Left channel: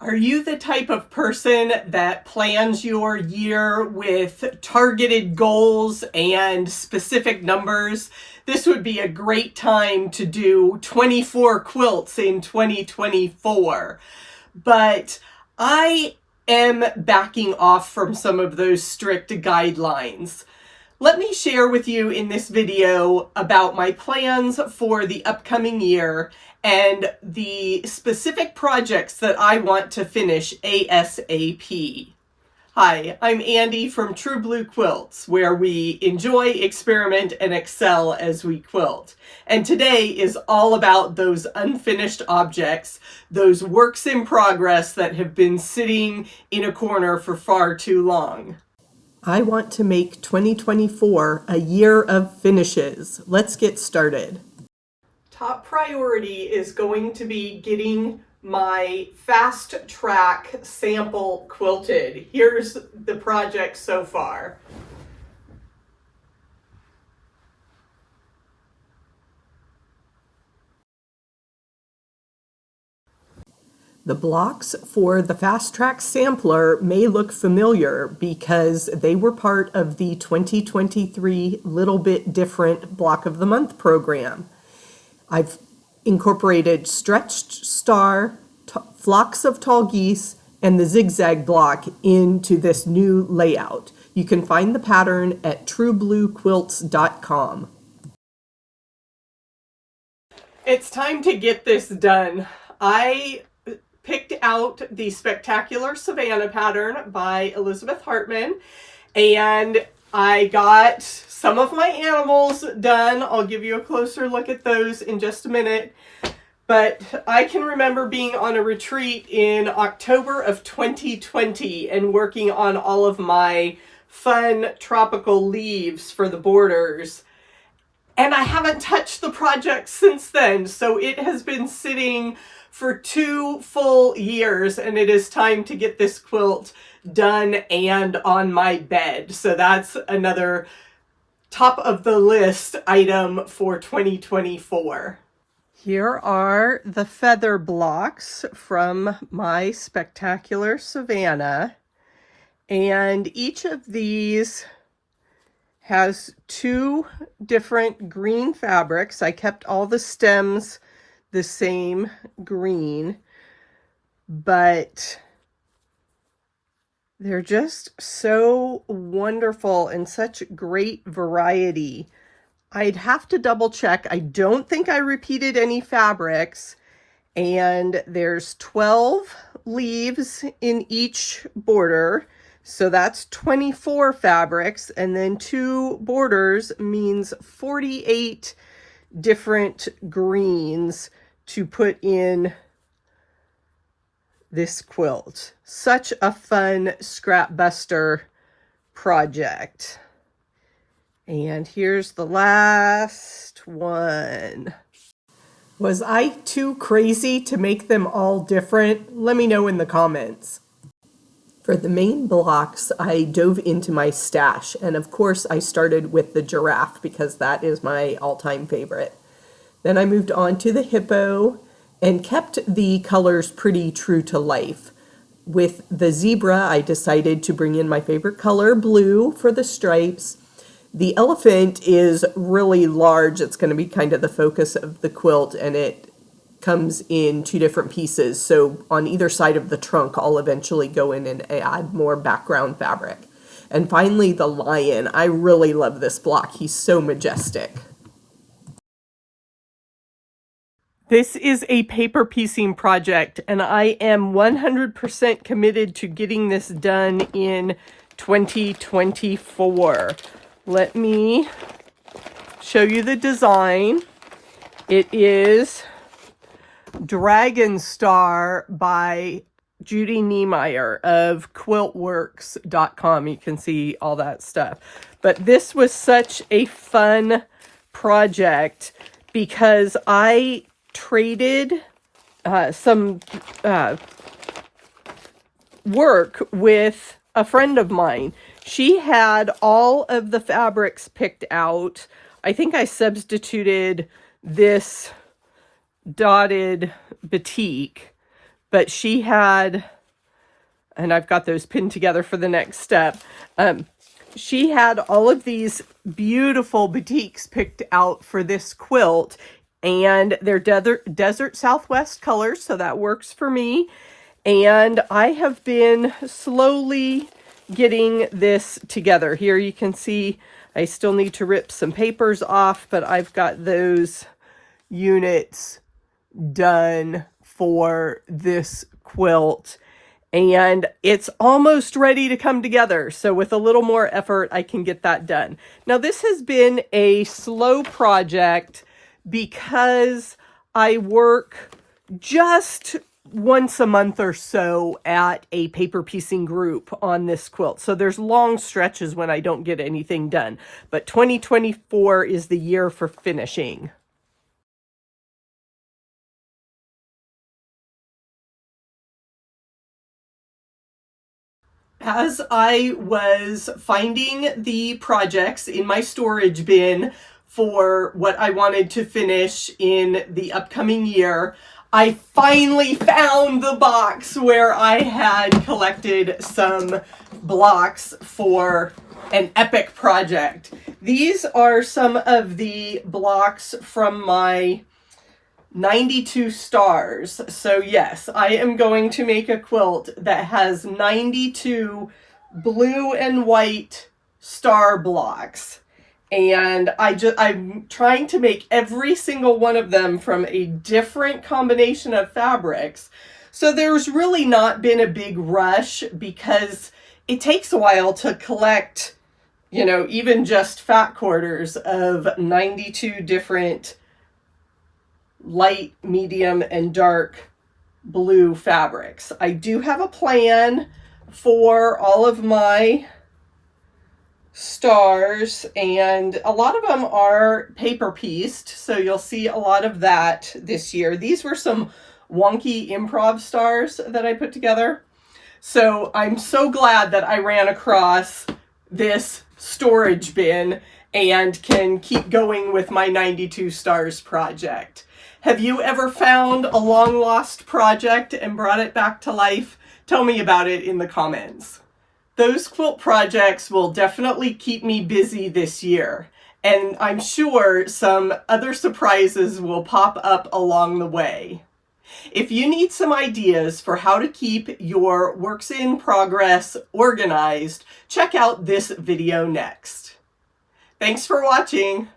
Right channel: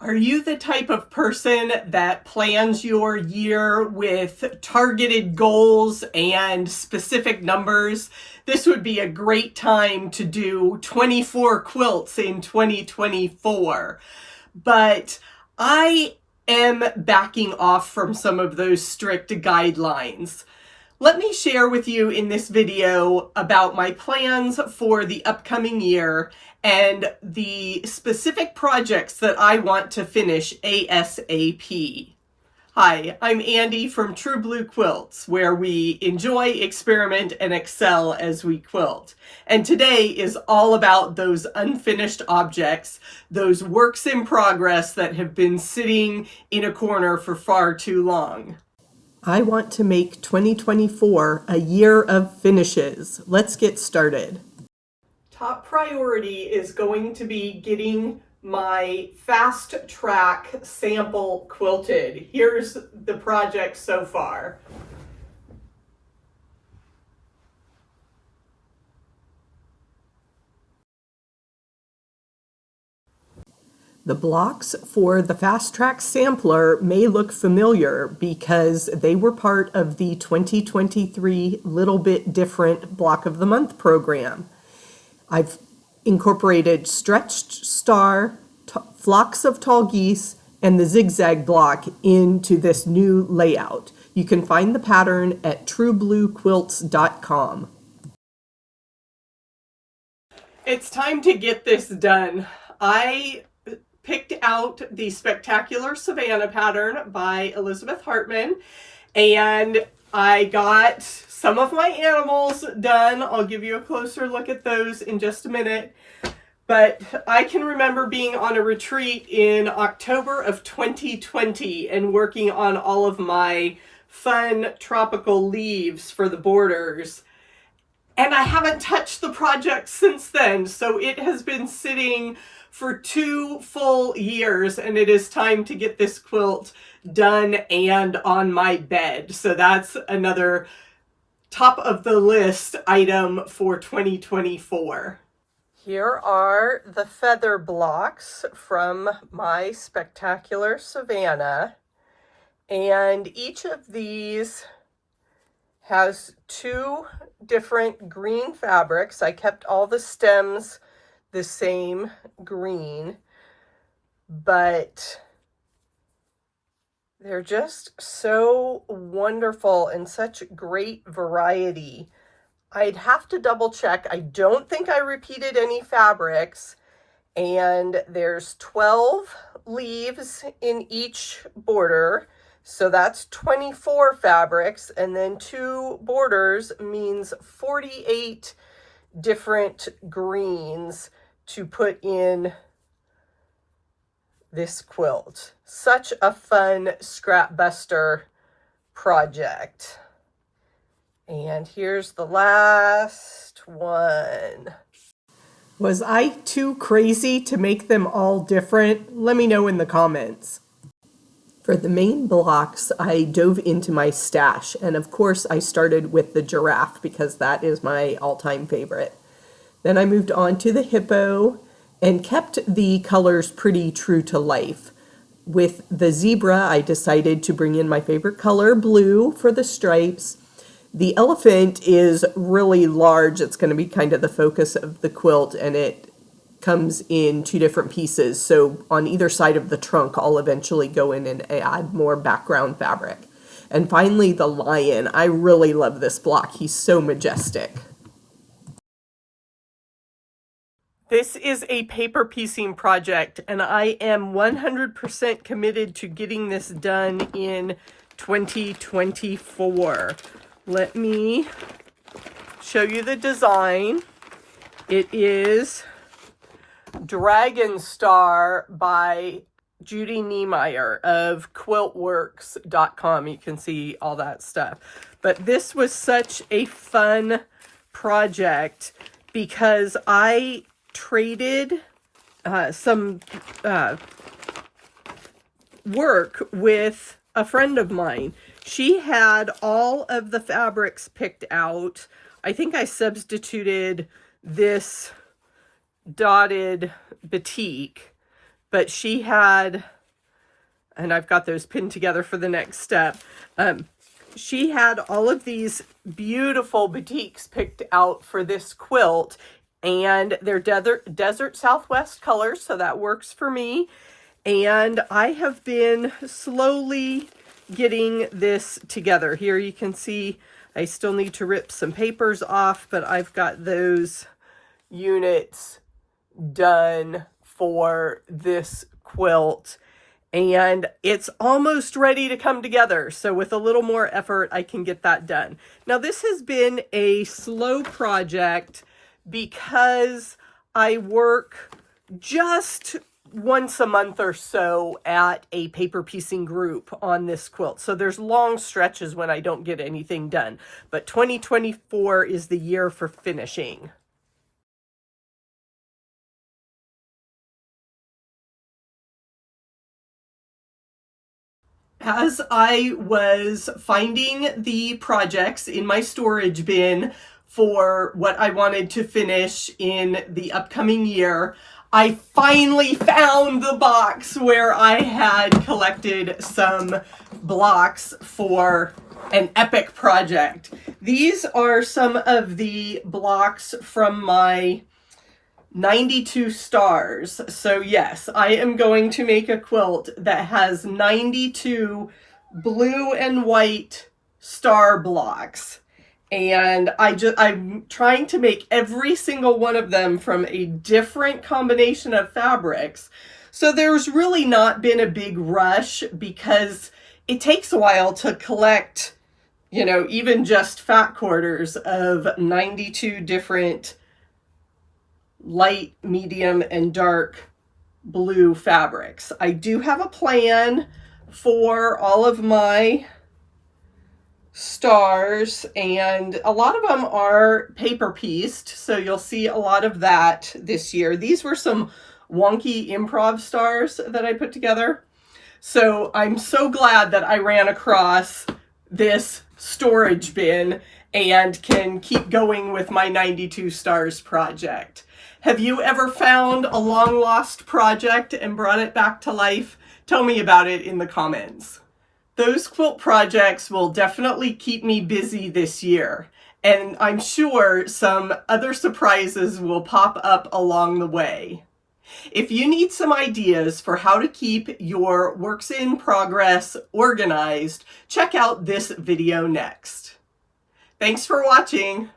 Are you the type of person that plans your year with targeted goals and specific numbers? This would be a great time to do 24 quilts in 2024. But I am backing off from some of those strict guidelines. Let me share with you in this video about my plans for the upcoming year and the specific projects that I want to finish ASAP. Hi, I'm Andy from True Blue Quilts, where we enjoy, experiment, and excel as we quilt. And today is all about those unfinished objects, those works in progress that have been sitting in a corner for far too long. I want to make 2024 a year of finishes. Let's get started. Top priority is going to be getting my fast track sample quilted. Here's the project so far. The blocks for the Fast Track Sampler may look familiar because they were part of the 2023 Little Bit Different Block of the Month program. I've incorporated stretched star, flocks of tall geese, and the zigzag block into this new layout. You can find the pattern at truebluequilts.com. It's time to get this done. I picked out the Spectacular Savannah pattern by Elizabeth Hartman, and I got some of my animals done. I'll give you a closer look at those in just a minute. But I can remember being on a retreat in October of 2020 and working on all of my fun tropical leaves for the borders. And I haven't touched the project since then, so it has been sitting for 2 full years, and it is time to get this quilt done and on my bed. So that's another top of the list item for 2024. Here are the feather blocks from my Spectacular Savannah, and each of these has 2 different green fabrics. I kept all the stems the same green, but they're just so wonderful and such great variety. I'd have to double check. I don't think I repeated any fabrics, and there's 12 leaves in each border, so that's 24 fabrics, and then 2 borders means 48 different greens to put in this quilt. Such a fun scrap buster project. And here's the last one. Was I too crazy to make them all different? Let me know in the comments. For the main blocks, I dove into my stash, and of course I started with the giraffe because that is my all-time favorite. Then I moved on to the hippo and kept the colors pretty true to life. With the zebra, I decided to bring in my favorite color, blue, for the stripes. The elephant is really large. It's going to be kind of the focus of the quilt, and it comes in 2 different pieces. So on either side of the trunk, I'll eventually go in and add more background fabric. And finally, the lion. I really love this block. He's so majestic. This is a paper piecing project, and I am 100% committed to getting this done in 2024. Let me show you the design. It is Dragon Star by Judy Niemeyer of quiltworks.com. You can see all that stuff. But this was such a fun project because I traded some work with a friend of mine. She had all of the fabrics picked out. I think I substituted this dotted batik, but she had, and I've got those pinned together for the next step. She had all of these beautiful batiks picked out for this quilt, and they're desert Southwest colors, so that works for me. And I have been slowly getting this together. Here you can see I still need to rip some papers off, but I've got those units done for this quilt, and it's almost ready to come together. So with a little more effort, I can get that done. Now, this has been a slow project because I work just once a month or so at a paper piecing group on this quilt. So there's long stretches when I don't get anything done. But 2024 is the year for finishing. As I was finding the projects in my storage bin for what I wanted to finish in the upcoming year, I finally found the box where I had collected some blocks for an epic project. These are some of the blocks from my 92 stars. So yes, I am going to make a quilt that has 92 blue and white star blocks. And I'm trying to make every single one of them from a different combination of fabrics. So there's really not been a big rush because it takes a while to collect, you know, even just fat quarters of 92 different light, medium, and dark blue fabrics. I do have a plan for all of my stars, and a lot of them are paper pieced, so you'll see a lot of that this year. These were some wonky improv stars that I put together. So I'm so glad that I ran across this storage bin and can keep going with my 92 stars project. Have you ever found a long lost project and brought it back to life? Tell me about it in the comments. Those quilt projects will definitely keep me busy this year, and I'm sure some other surprises will pop up along the way. If you need some ideas for how to keep your works in progress organized, check out this video next. Thanks for watching.